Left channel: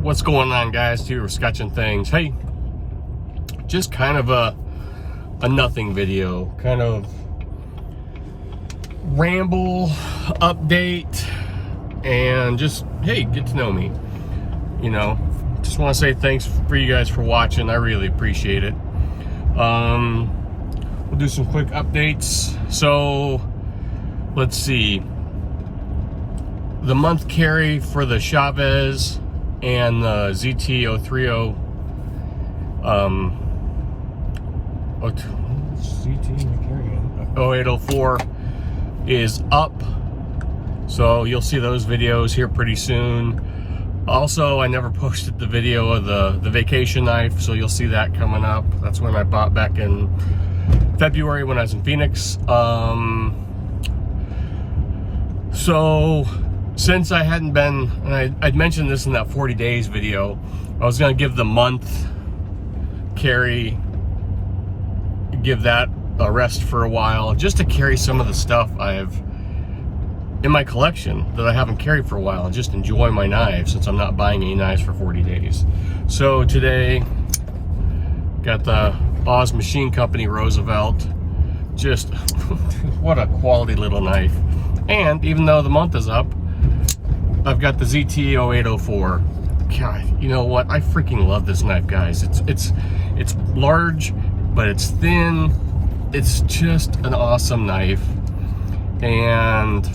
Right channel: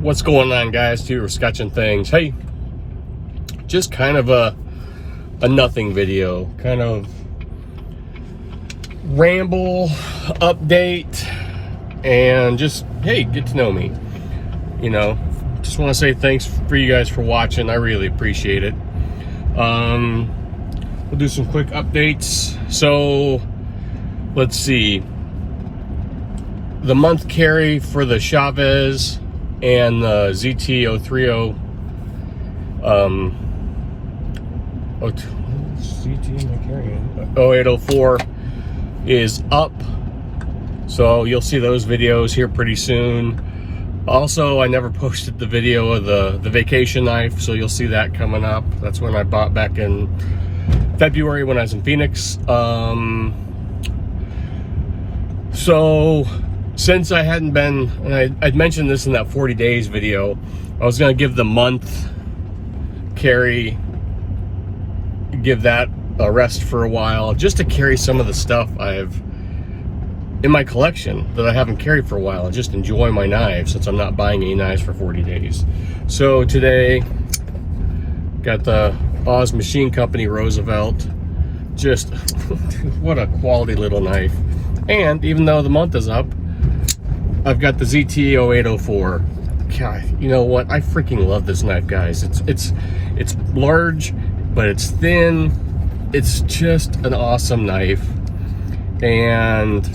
What's going on, guys? Two Sketching Things. Hey, just kind of a nothing video, kind of ramble update, and just, hey, get to know me. You know, just want to say thanks for you guys for watching. I really appreciate it. We'll do some quick updates. So let's see, the month carry for the Chavez and the ZT030 0804 is up, so you'll see those videos here pretty soon. Also, I never posted the video of the vacation knife, so you'll see that coming up. That's when I bought back in February when I was in Phoenix. So since I hadn't been, and I'd mentioned this in that 40 days video, I was going to give the month carry, give that a rest for a while, just to carry some of the stuff I have in my collection that I haven't carried for a while, and just enjoy my knives since I'm not buying any knives for 40 days. So today, got the Oz Machine Company Roosevelt. Just, what a quality little knife. And even though the month is up, I've got the ZT0804. God, you know what? I freaking love this knife, guys. It's large, but it's thin. It's just an awesome knife. And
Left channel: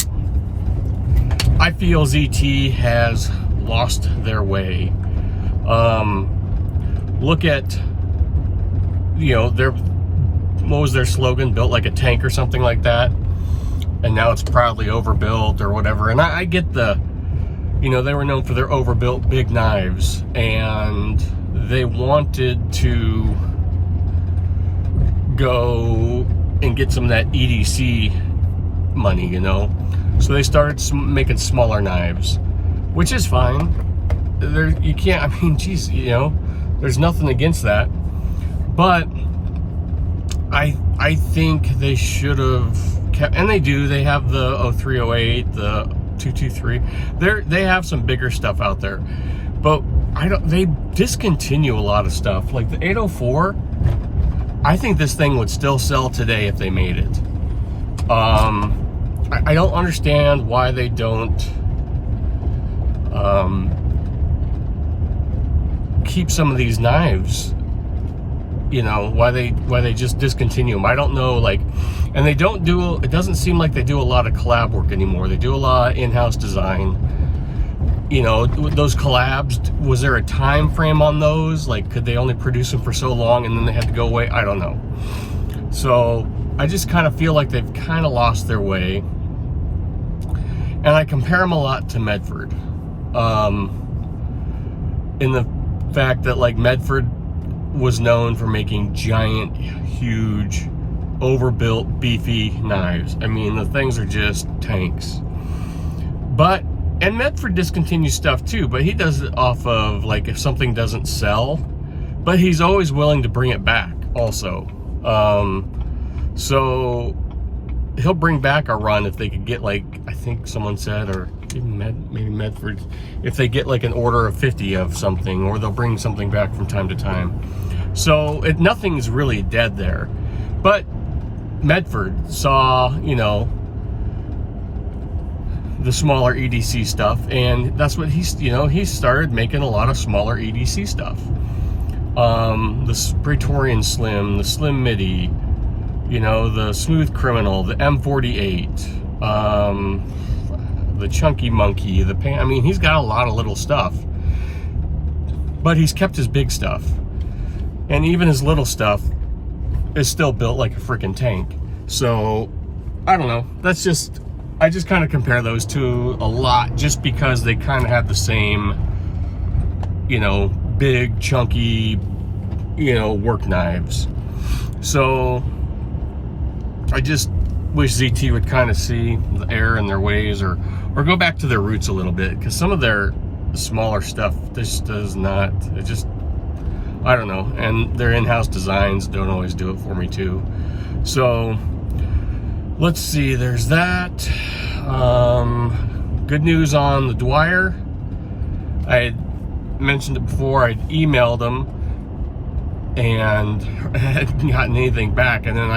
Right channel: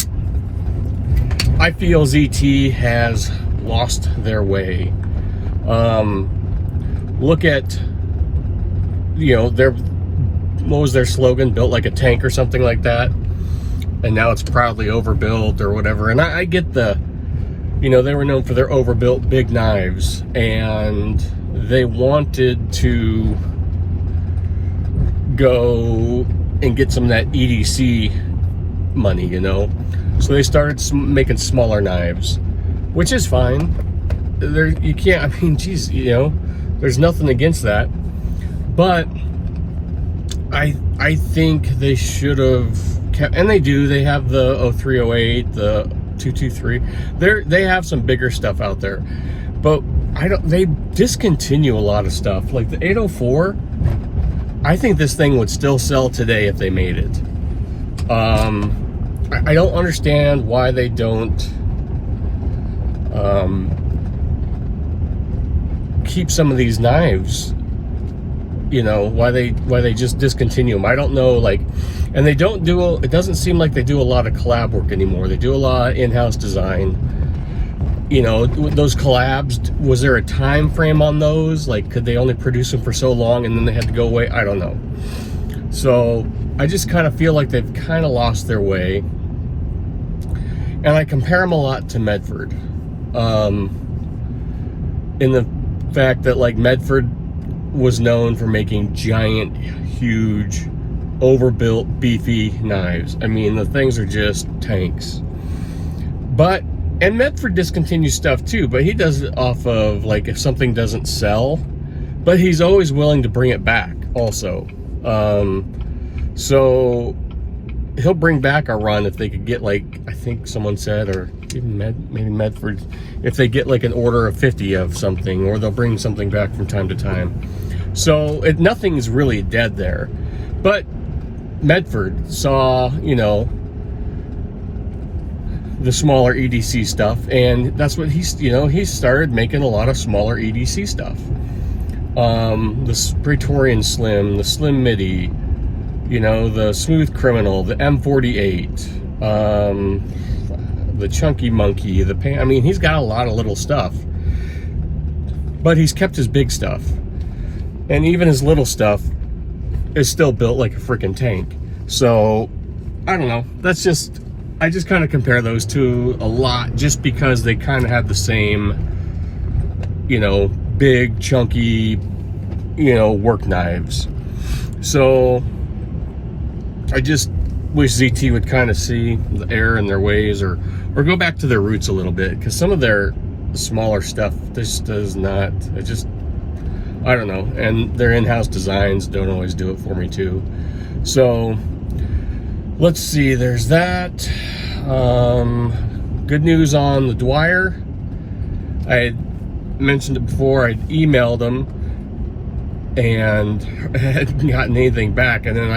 I feel ZT has lost their way. Look at, you know, what was their slogan? Built like a tank or something like that. And now it's proudly overbuilt or whatever. And I get the, you know, they were known for their overbuilt big knives, and they wanted to go and get some of that EDC money, you know. So they started making smaller knives, which is fine. You can't, I mean, geez, you know, there's nothing against that. But I think they should have kept, and they do. They have the 0308, the 223. They have some bigger stuff out there, but they discontinue a lot of stuff. Like the 804, I think this thing would still sell today if they made it. I don't understand why they don't keep some of these knives. You know, why they just discontinue them. I don't know, like, and they don't do, it doesn't seem like they do a lot of collab work anymore. They do a lot of in-house design. You know, those collabs, was there a time frame on those? Like, could they only produce them for so long and then they had to go away? I don't know. So I just kind of feel like they've kind of lost their way. And I compare them a lot to Medford. In the fact that, like, Medford was known for making giant, huge, overbuilt, beefy knives. I mean, the things are just tanks. And Medford discontinues stuff too, but he does it off of, like, if something doesn't sell, but he's always willing to bring it back also. So he'll bring back a run if they could get, like, I think someone said, or even maybe Medford, if they get like an order of 50 of something, or they'll bring something back from time to time. So nothing's really dead there. But Medford saw, you know, the smaller EDC stuff, and that's what he started making a lot of smaller EDC stuff. The Praetorian Slim, the Slim Midi, you know, the Smooth Criminal, the M48, the Chunky Monkey, I mean, he's got a lot of little stuff, but he's kept his big stuff, and even his little stuff is still built like a freaking tank. So I don't know, I just kind of compare those two a lot, just because they kind of have the same, you know, big chunky, you know, work knives. So I just wish ZT would kind of see the error in their ways, or go back to their roots a little bit, because some of their smaller stuff just does not, it just, I don't know, and their in-house designs don't always do it for me too. So let's see, there's that. Good news on the Dwyer. I mentioned it before, I'd emailed them and hadn't gotten anything back. And then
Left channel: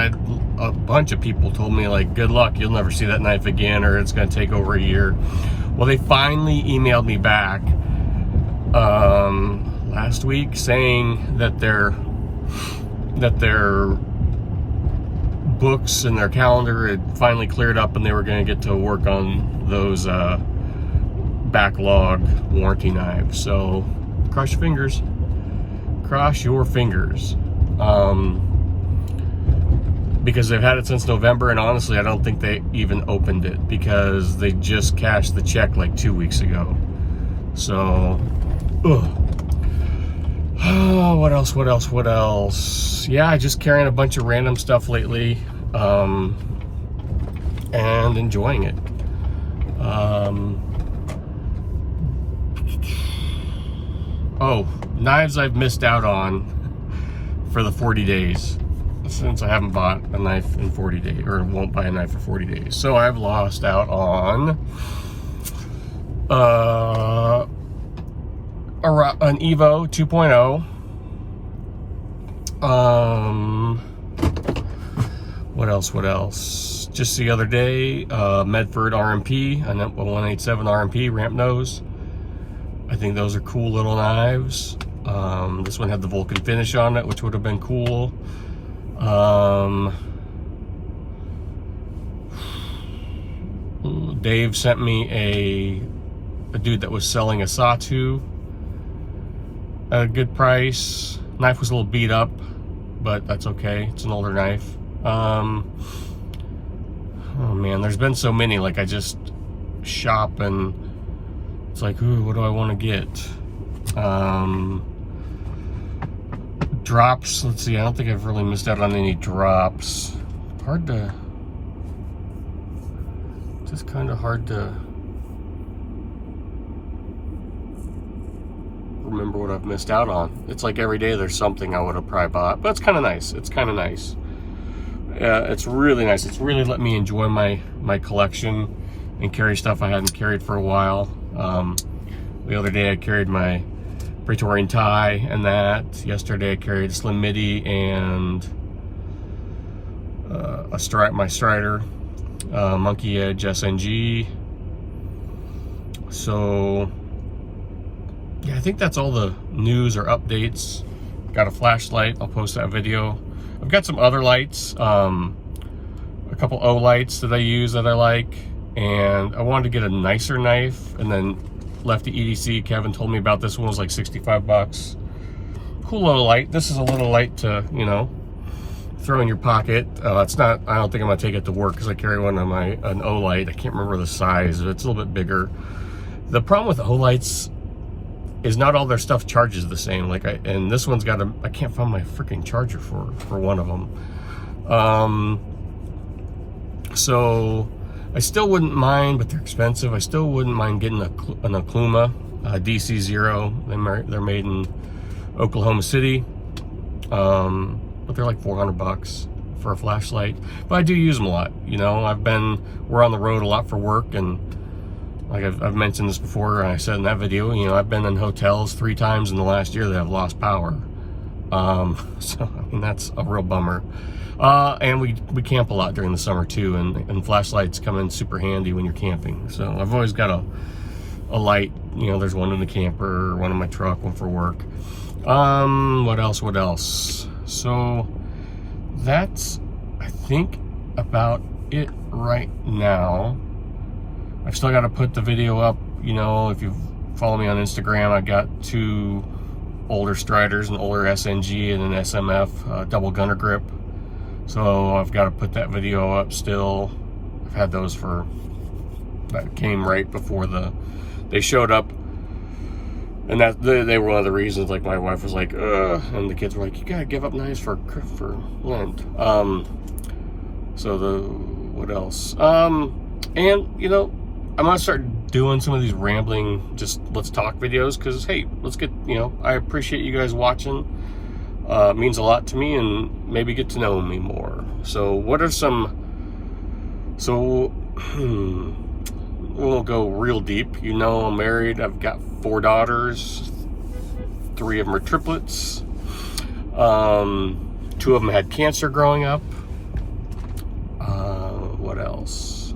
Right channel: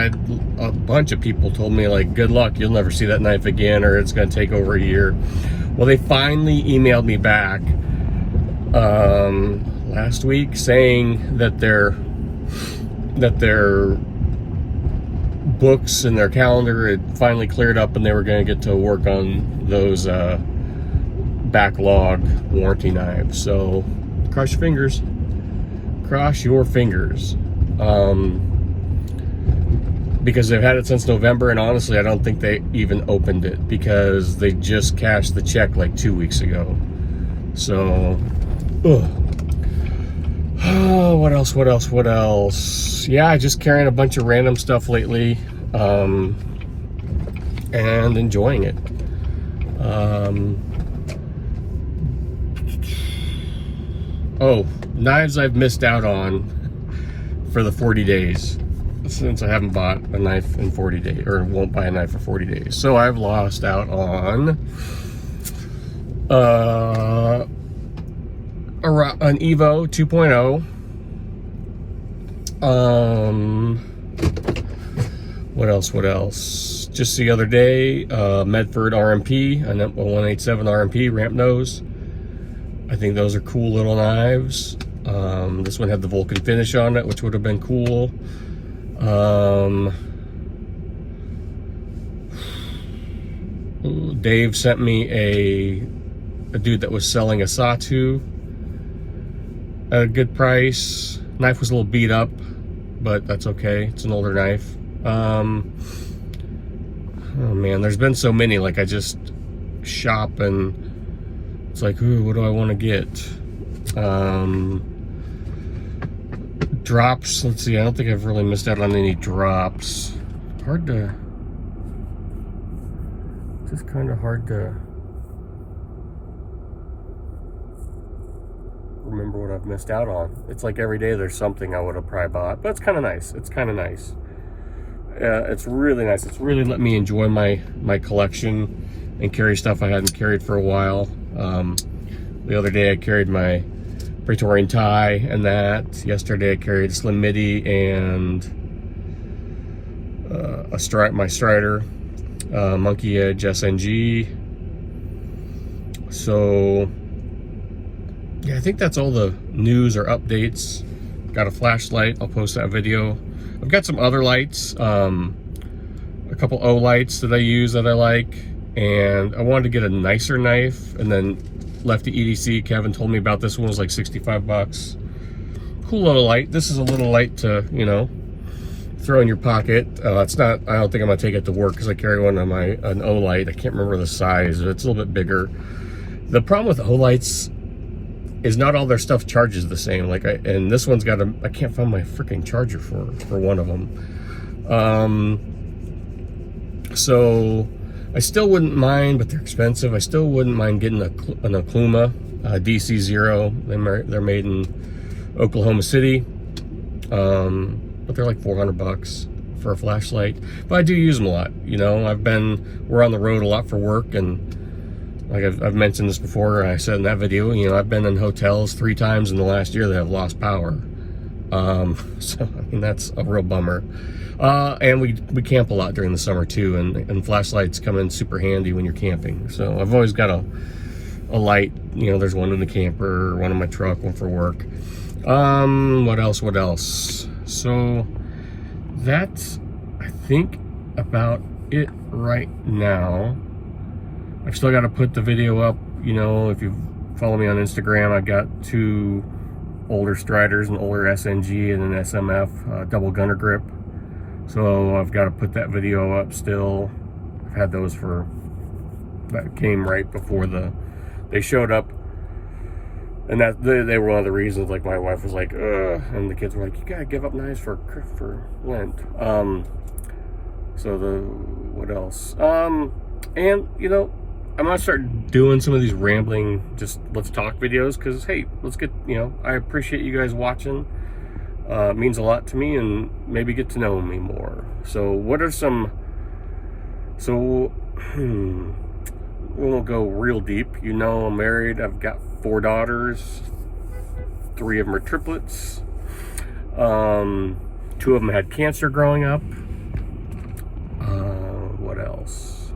a bunch of people told me, like, good luck, you'll never see that knife again, or it's going to take over a year. Well, they finally emailed me back last week saying that their books and their calendar had finally cleared up and they were going to get to work on those backlog warranty knives. So cross your fingers. Cross your fingers. Because they've had it since November, and honestly I don't think they even opened it because they just cashed the check like 2 weeks ago. So oh, what else? Yeah, just carrying a bunch of random stuff lately, and enjoying it. Oh, knives I've missed out on for the 40 days, since I haven't bought a knife in 40 days, or won't buy a knife for 40 days. So I've lost out on an Evo 2.0. What else? Just the other day, Medford RMP, a 187 RMP ramp nose. I think those are cool little knives. This one had the Vulcan finish on it, which would have been cool. Dave sent me a dude that was selling a Satu at a good price. Knife was a little beat up, but that's okay. It's an older knife. Oh man, there's been so many. Like, I just shop and it's like, ooh, what do I want to get? Drops. Let's see. I don't think I've really missed out on any drops. Just kind of hard to remember what I've missed out on. It's like every day there's something I would have probably bought, but it's kind of nice. It's really nice. It's really let me enjoy my collection and carry stuff I hadn't carried for a while. The other day I carried my Praetorian tie and that. Yesterday I carried a Slim Midi and my Strider Monkey Edge SNG. So yeah, I think that's all the news or updates. Got a flashlight. I'll post that video. I've got some other lights, a couple O lights that I use that I like, and I wanted to get a nicer knife, and then Lefty EDC, Kevin told me about this one, was like 65 bucks. Cool little light. This is a little light to, you know, throw in your pocket. It's not, I don't think I'm gonna take it to work because I carry one on an O light. I can't remember the size. It's a little bit bigger. The problem with O lights is not all their stuff charges the same. Like, and this one's got I can't find my freaking charger for one of them. So I still wouldn't mind, but they're expensive. I still wouldn't mind getting an Okluma DC0. They're made in Oklahoma City, but they're like 400 bucks for a flashlight. But I do use them a lot. You know, we're on the road a lot for work, and like I've mentioned this before, and I said in that video, you know, I've been in hotels 3 times in the last year that have lost power. So I mean, that's a real bummer. And we camp a lot during the summer too, and flashlights come in super handy when you're camping. So I've always got a light. You know, there's one in the camper, one in my truck, one for work. What else? So that's, I think, about it right now. I've still got to put the video up. You know, if you follow me on Instagram, I got 2 older Striders, an older SNG and an SMF double gunner grip. So I've got to put that video up still. I've had those that came right before they showed up. And that they were one of the reasons, like, my wife was like, ugh, and the kids were like, you gotta give up knives for Lent. So what else? And, you know, I'm gonna start doing some of these rambling, just let's talk videos, because, hey, let's get, you know, I appreciate you guys watching. It means a lot to me, and maybe get to know me more. So what are we won't go real deep. You know, I'm married. I've got 4 daughters, 3 of them are triplets. 2 of them had cancer growing up. What else?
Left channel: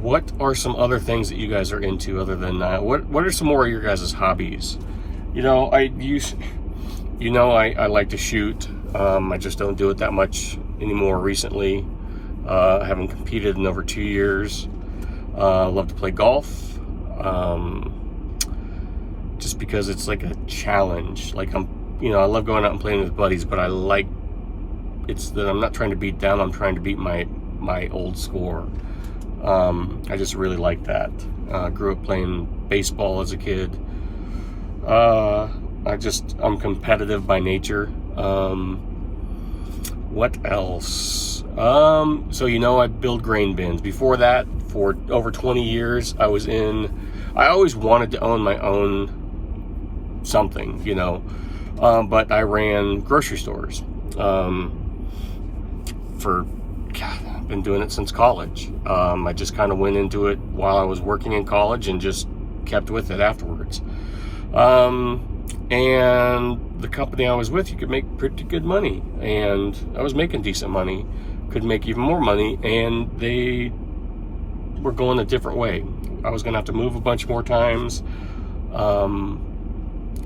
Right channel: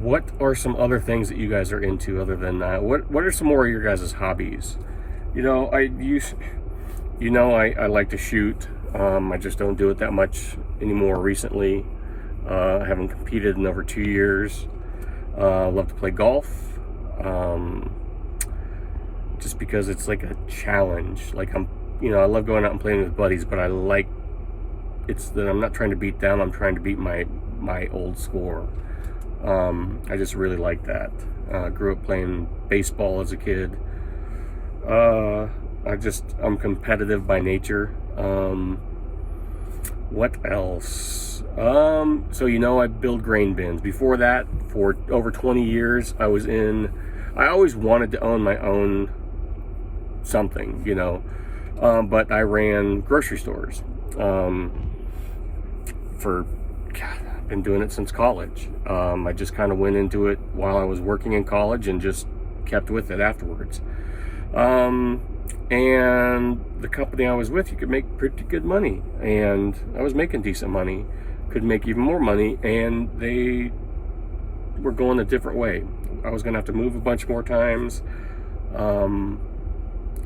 What are some other things that you guys are into other than that? What are some more of your guys' hobbies? You know, I like to shoot. I just don't do it that much anymore recently. I haven't competed in over 2 years. I love to play golf. Just because it's like a challenge. Like I love going out and playing with buddies, but it's that I'm not trying to beat them, I'm trying to beat my old score. I just really like that. Grew up playing baseball as a kid. I'm competitive by nature. What else? So I build grain bins. Before that, for over 20 years, I always wanted to own my own something, but I ran grocery stores. I've been doing it since college. I just kind of went into it while I was working in college and just kept with it afterwards. And the company I was with, you could make pretty good money, and I was making decent money, could make even more money, and they were going a different way. I was going to have to move a bunch more times.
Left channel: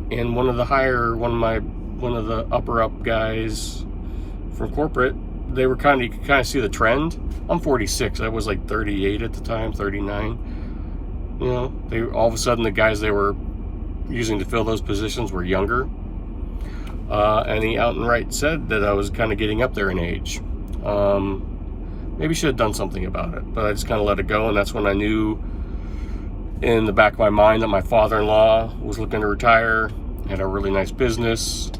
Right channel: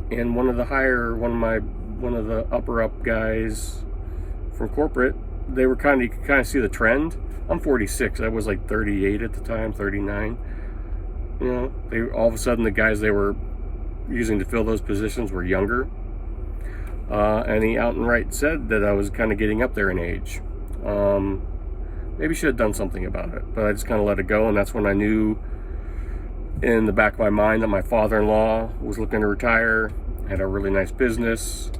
And one of the upper up guys from corporate, you could kind of see the trend. I'm 46. I was like 38 at the time, 39. All of a sudden the guys they were using to fill those positions were younger. And he outright said that I was kind of getting up there in age. Maybe should have done something about it, but I just kind of let it go. And that's when I knew in the back of my mind that my father-in-law was looking to retire, had a really nice business.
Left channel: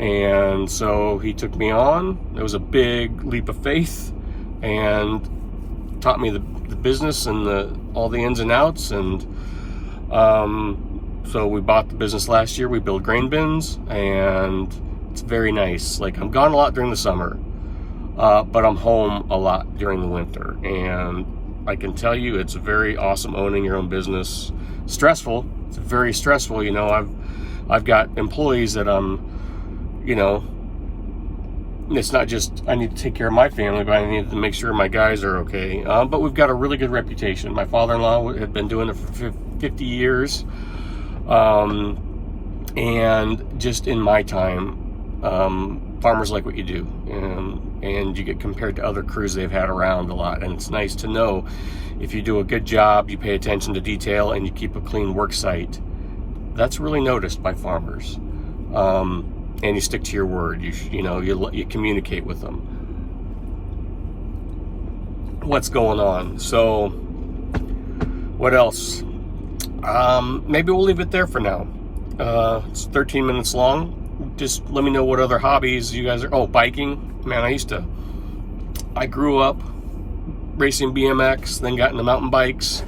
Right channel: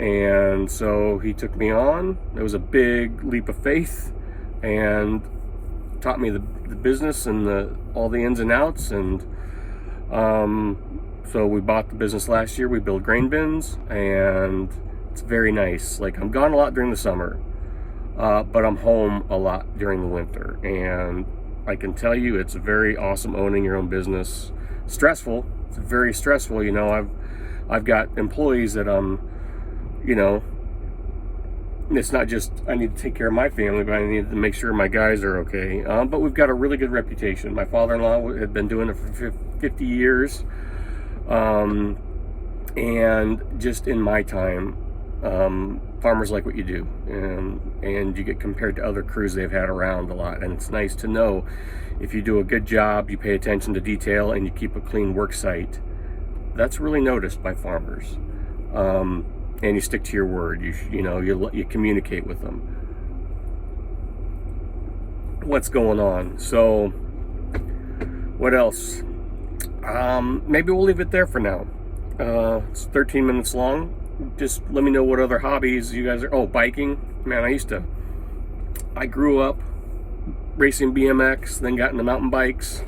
And so he took me on. It was a big leap of faith and taught me the business and all the ins and outs. And so we bought the business last year. We build grain bins, and it's very nice. Like, I'm gone a lot during the summer, but I'm home a lot during the winter. And I can tell you, it's very awesome owning your own business. Stressful. It's very stressful. I've got employees that it's not just I need to take care of my family, but I need to make sure my guys are okay. But we've got a really good reputation. My father-in-law had been doing it for 50 years. And just in my time, farmers like what you do, and you get compared to other crews they've had around a lot. And it's nice to know if you do a good job, you pay attention to detail, and you keep a clean work site. That's really noticed by farmers. And you stick to your word. You communicate with them. What's going on? So, what else? Maybe we'll leave it there for now. It's 13 minutes long. Just let me know what other hobbies you guys are. Oh, biking. Man, I grew up racing BMX, then got into mountain bikes,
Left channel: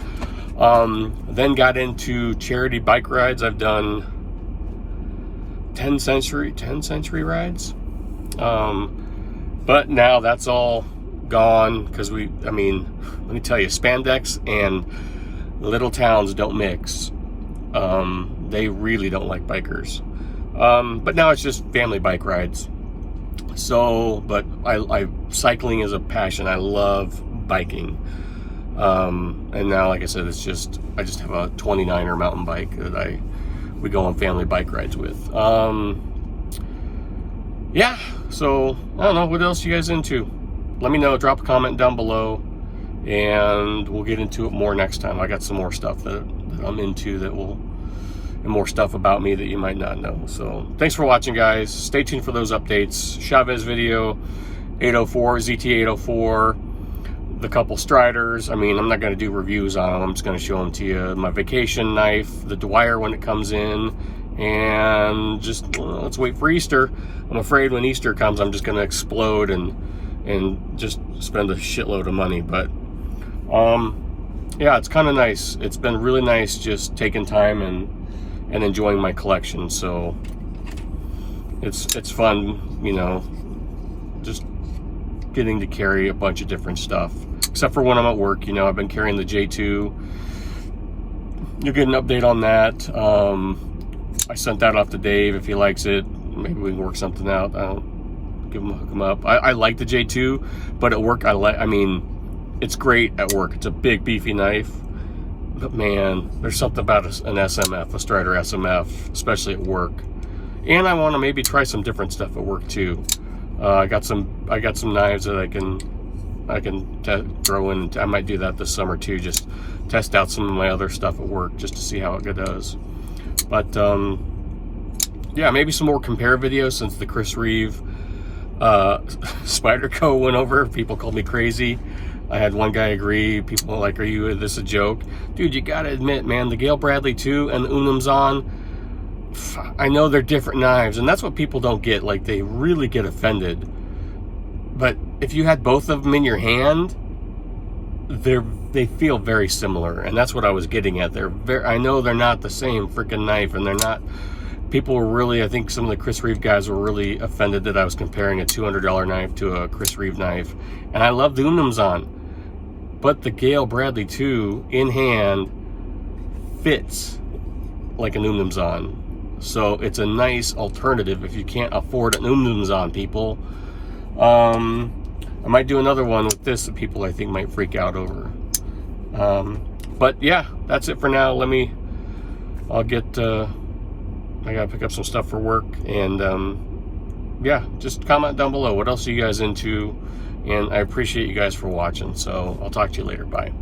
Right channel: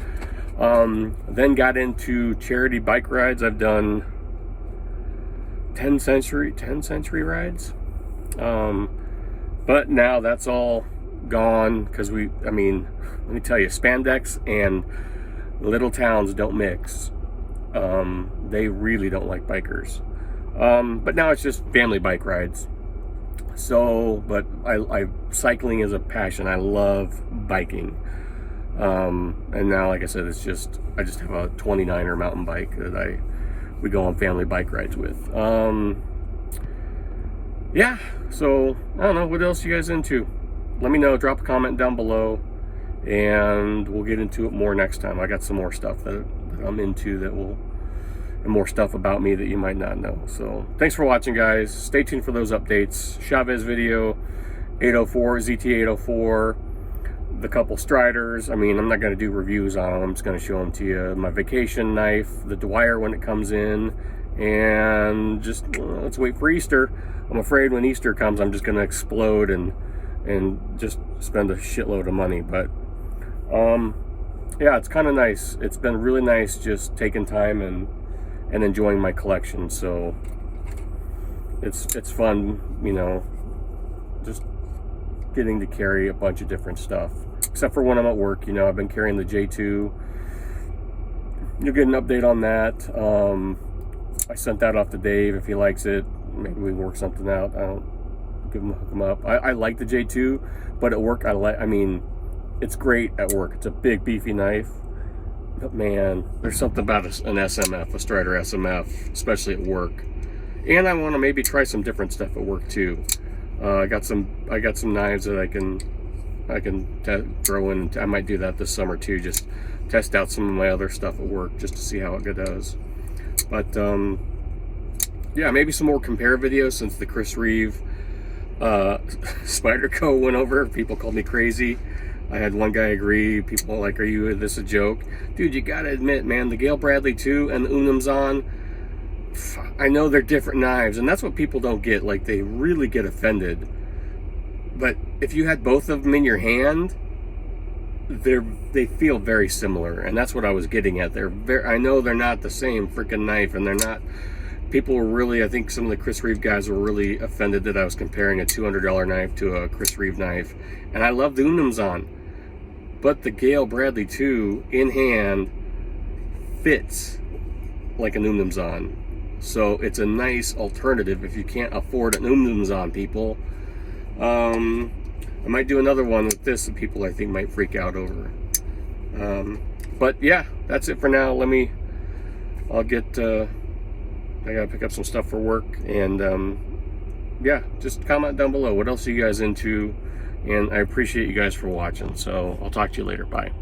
then got into charity bike rides. I've done 10 century rides. But now that's all gone because let me tell you, spandex and little towns don't mix. They really don't like bikers. But now it's just family bike rides. So, but cycling is a passion. I love biking. And now, like I said, I just have a 29er mountain bike that we go on family bike rides with. Yeah, so I don't know, what else you guys into? Let me know, drop a comment down below, and we'll get into it more next time. I got some more stuff that I'm into and more stuff about me that you might not know. So thanks for watching, guys. Stay tuned for those updates. Chavez video, 804, ZT804, the couple Striders. I'm not going to do reviews on them. I'm just going to show them to you. My vacation knife, the Dwyer when it comes in, and just let's wait for Easter. I'm afraid when Easter comes, I'm just going to explode and just spend a shitload of money. But yeah, it's kind of nice. It's been really nice just taking time and enjoying my collection. So it's fun, just getting to carry a bunch of different stuff. Except for when I'm at work, I've been carrying the J2 you'll get an update on that. I sent that off to Dave. If he likes it, maybe we can work something out. I don't hook him up. I like the J2, but at work I mean, it's great at work. It's a big beefy knife, but man, there's something about an SMF, a Strider SMF, especially at work. And I want to maybe try some different stuff at work too. I got some knives that I can throw in. I might do that this summer too. Just test out some of my other stuff at work just to see how it does. But yeah, maybe some more compare videos since the Chris Reeve Spyderco went over. People called me crazy. I had one guy agree. People are like, "Are this a joke?" Dude, you gotta admit, man, the Gale Bradley 2 and the Unum Zon, I know they're different knives, and that's what people don't get. Like, they really get offended. But if you had both of them in your hand, they feel very similar, and that's what I was getting at. I know they're not the same freaking knife, and they're not. People were really, I think some of the Chris Reeve guys were really offended that I was comparing a $200 knife to a Chris Reeve knife, and I love the Unum Zon, but the Gale Bradley 2 in hand fits like an Unum Zon. So it's a nice alternative if you can't afford an Unum Zon, people. I might do another one with this that people I think might freak out over. But yeah, that's it for now. I'll get, I gotta pick up some stuff for work, and yeah, just comment down below. What else are you guys into? And I appreciate you guys for watching. So I'll talk to you later. Bye.